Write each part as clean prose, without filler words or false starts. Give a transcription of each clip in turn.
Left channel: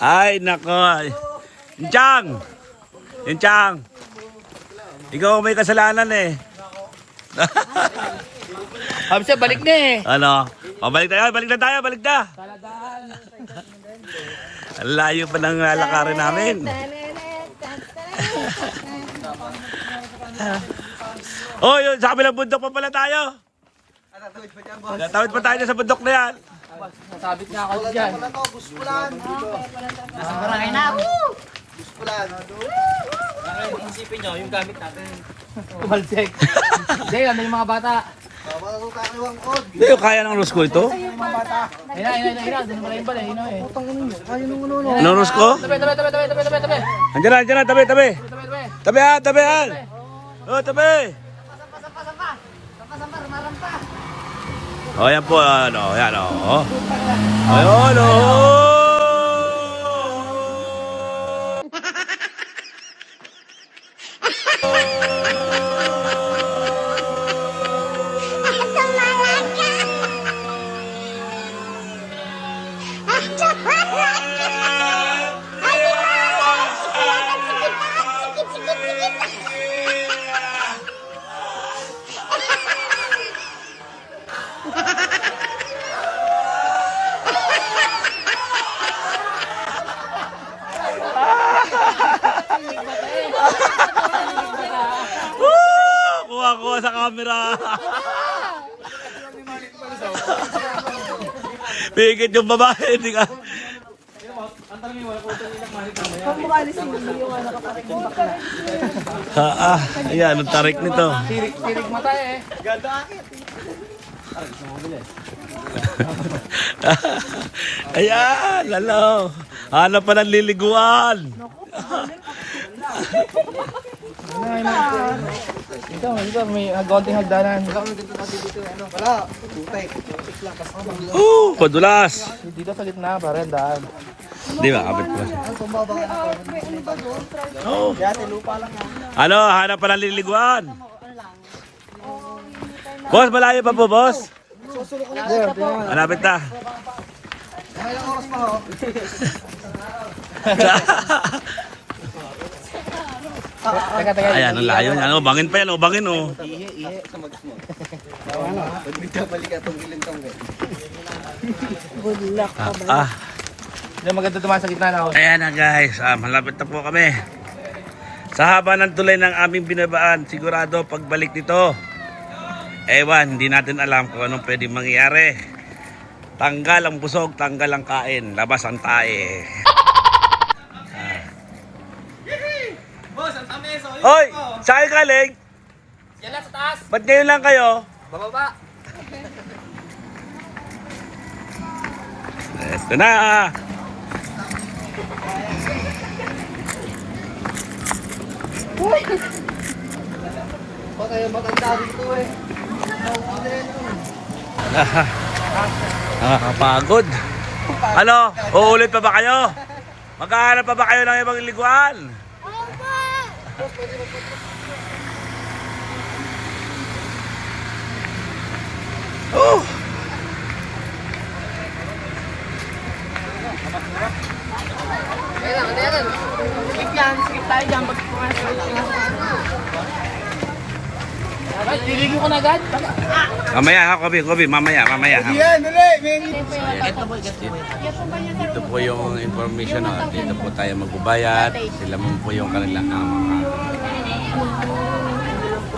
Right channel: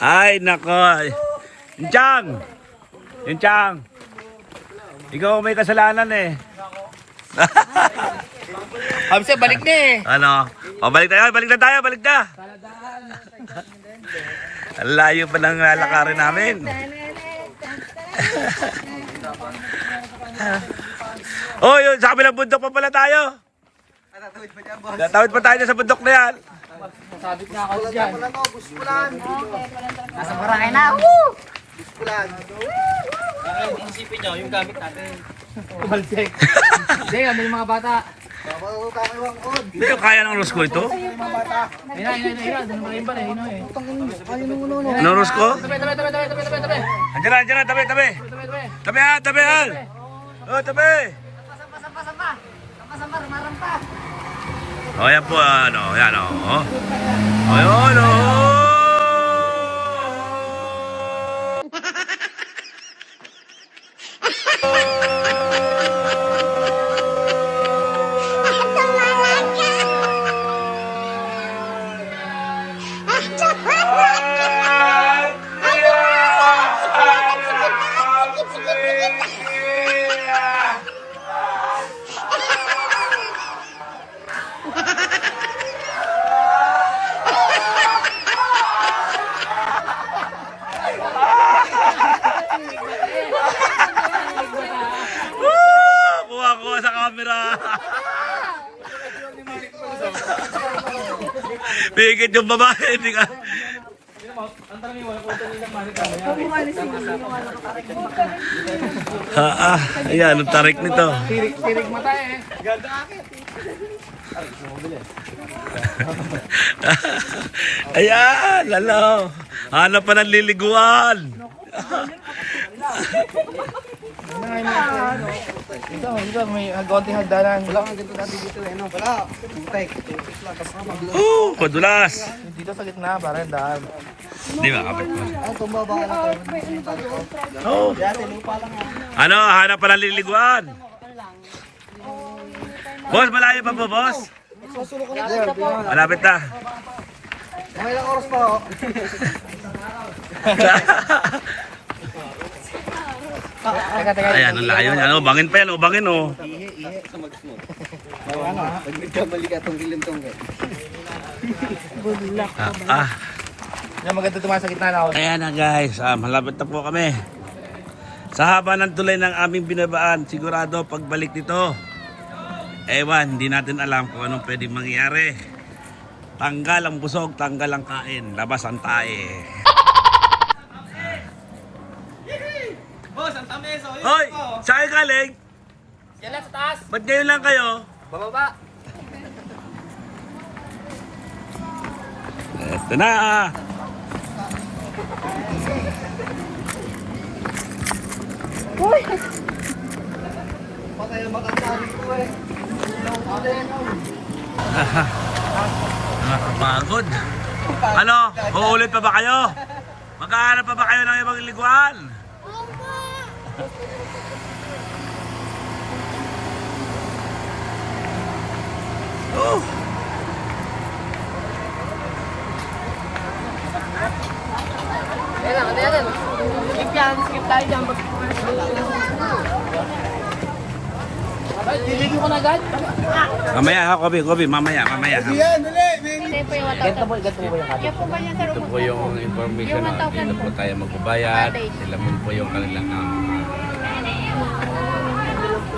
Ay, nako. Inchang! Inchang! Ikaw may kasalanan eh. Hamsi, balik na eh. Ano? O, balik na tayo. Taladaan. Ang layo pa ng lalakarin namin. Oh, yun, sa kabilang bundok pa pala tayo. Tatawid pa tayo sa bundok na yan. Masabit na ako dyan. Nasa barangay na. Isipin nyo, yung gamit natin. Kumalsik. Hindi, ano yung mga bata? Hindi ko kaya ng Rosco ito. Ina. Doon pala yung pala. Ino eh. Anong Rosco? Tabi. Andiyan na, tabi. Tabi. Tabihan. Oh, tabi. Oh, yan po, ano, yan, oh. Ayun, oh. Kuha ko sa camera. Pigit yung babae, hindi ka. Ayan, ang tarik nito. Tirig mata eh. Ayan, ano. Hanap pa ng liliguan. Ikaw, may konting hagdanan. Padulas. Dito sa gitna, pare, daan. Di ba, kapit ko. Oh. Ano, hanap pa ng liliguan. Boss, malayo pa po, boss? Malapit na. Ilang oras pa ho? Ayan, ang layo niya. Ano, bangin pa yan, bangin, oh. Yung maganda tumahan sa gitna na ako. Ayan na guys, malapit na po kami. Sa haba ng tulay ng aming binabaan, sigurado pagbalik nito, ewan, hindi natin alam kung anong pwede mangyari. Tanggal ang busog, tanggal ang kain, labas ang tae. Boss, ang tamis. Hoy, saan kayo galing? Yan lang sa taas. Ba't ngayon lang kayo? Bababa. Ito na. Patay, maganda dito eh. Nakakapagod. Ano? Uulit pa ba kayo? Maghahanap pa ba kayo ng ibang liguan? Oh! Ayan. Skip yan. Skip tayo dyan. Ay, liligyo ko na agad. Mamaya ha, Kobe, mamaya ha. Yan, dali. Ito po yung information, no? Dito po tayo magbabayad. Sila mo po yung kanilang mga...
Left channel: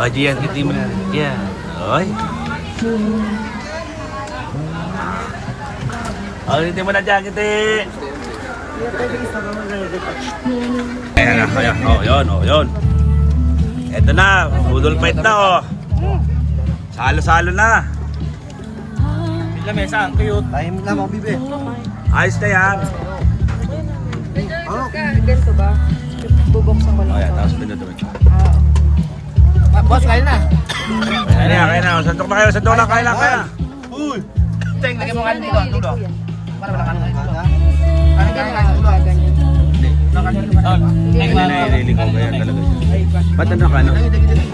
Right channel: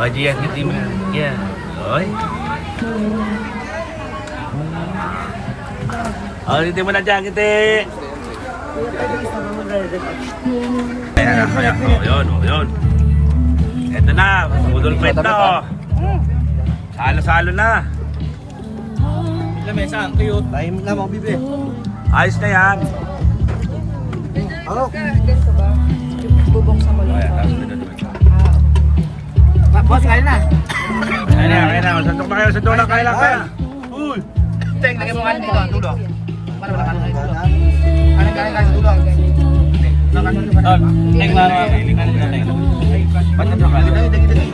O, Gian, kiti mo na. Yeah. Oy. O, kiti mo na dyan, kiti. Ayan, yun. Eto na, udol fight na, oh. Salo-salo na. Lamesa, ang cute. Tahimik na mga bibi. Ayos na yan. Ano? Ayan, tapos pinuduin. Boss, kaya na. Kaya na. Santok na kayo, kaya na. Uy! Teng, lagay mo kanin dito, dulo. Para wala kanin dulo. Kanin, dulo. Teng, kanin dito, Ba't na naman? Dagi.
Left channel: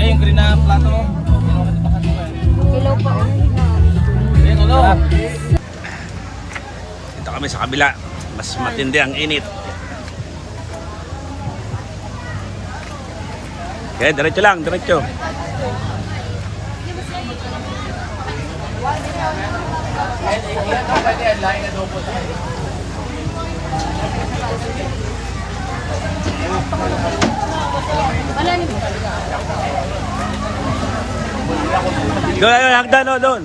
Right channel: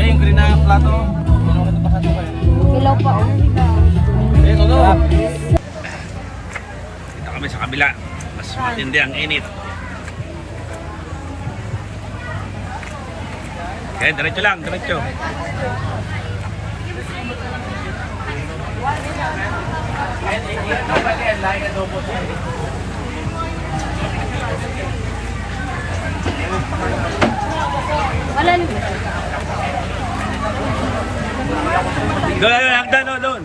Yung green na plato. Yung ito pa sa tuwa. Ilaw pa. Go. Dito kami sa kabila. Mas matindi ang init. Okay, diretso lang, diretso. Malalim. Doon, ayun, hagdan, oh, doon.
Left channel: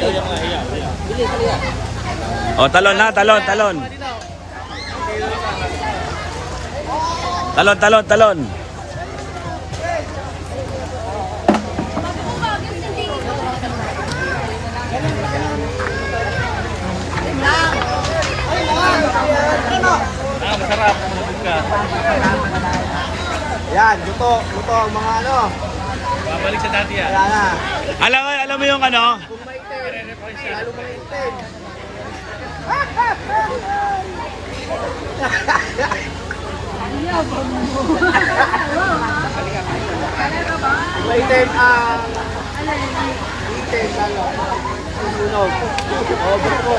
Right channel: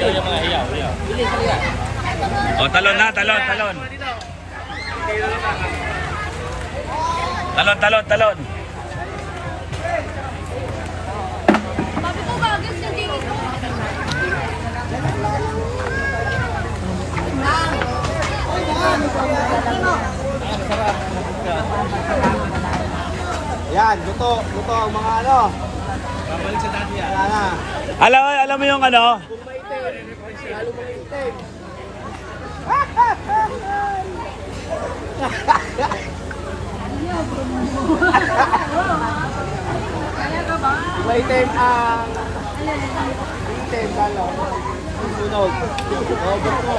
Yung mga hiyaw. O, talon na, talon, talon. Talon, talon, talon. Bago po ba? Gusto yung tingin ko. Masarap. Yan, luto. Luto ang mga ano. Babalik sa dati yan. Wala na. Alam mo yung ano? Kung maitim, lalo mga itim. Kung maitim ang... Itim, lalo. Susunog. O, buko.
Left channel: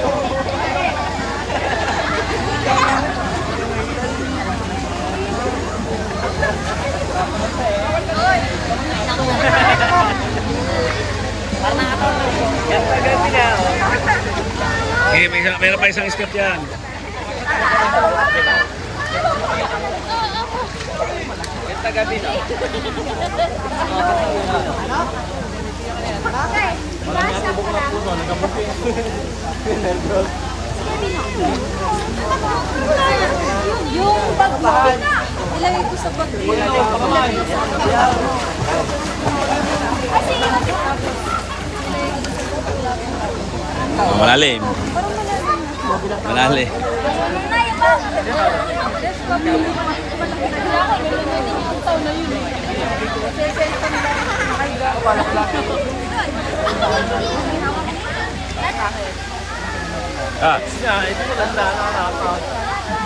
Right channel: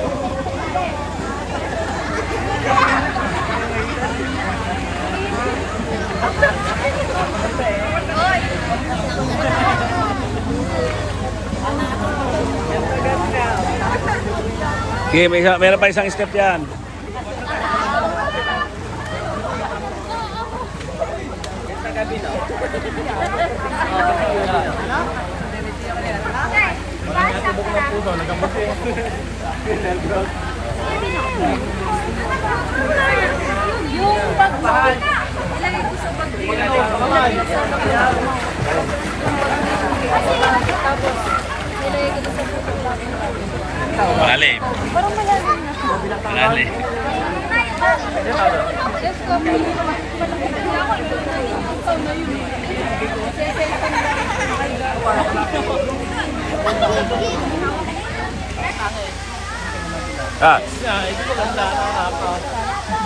Okay, meron pa isang step yan. Tagabi na. Walang mga tubok ng puso. Nagamot yung nervous. Yung bag mo. Ilagay ko sa bag mo. Pakamay. Ilagay ko sa bag mo. Malalim. Parang malalim na. Malalim. Let's go. Malaki na niya ako. Yung taon na yun eh. Sa cellphone lang. Nakaiga. Ah, Yeah, hindi maganda. Nakakapa.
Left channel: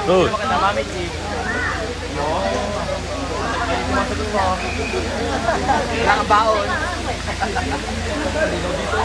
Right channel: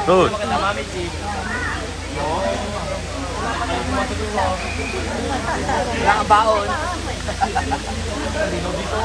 good. Maganda, Mami G. Oo. Ay, sumasagot mo. Wala kang baon. Malinaw dito.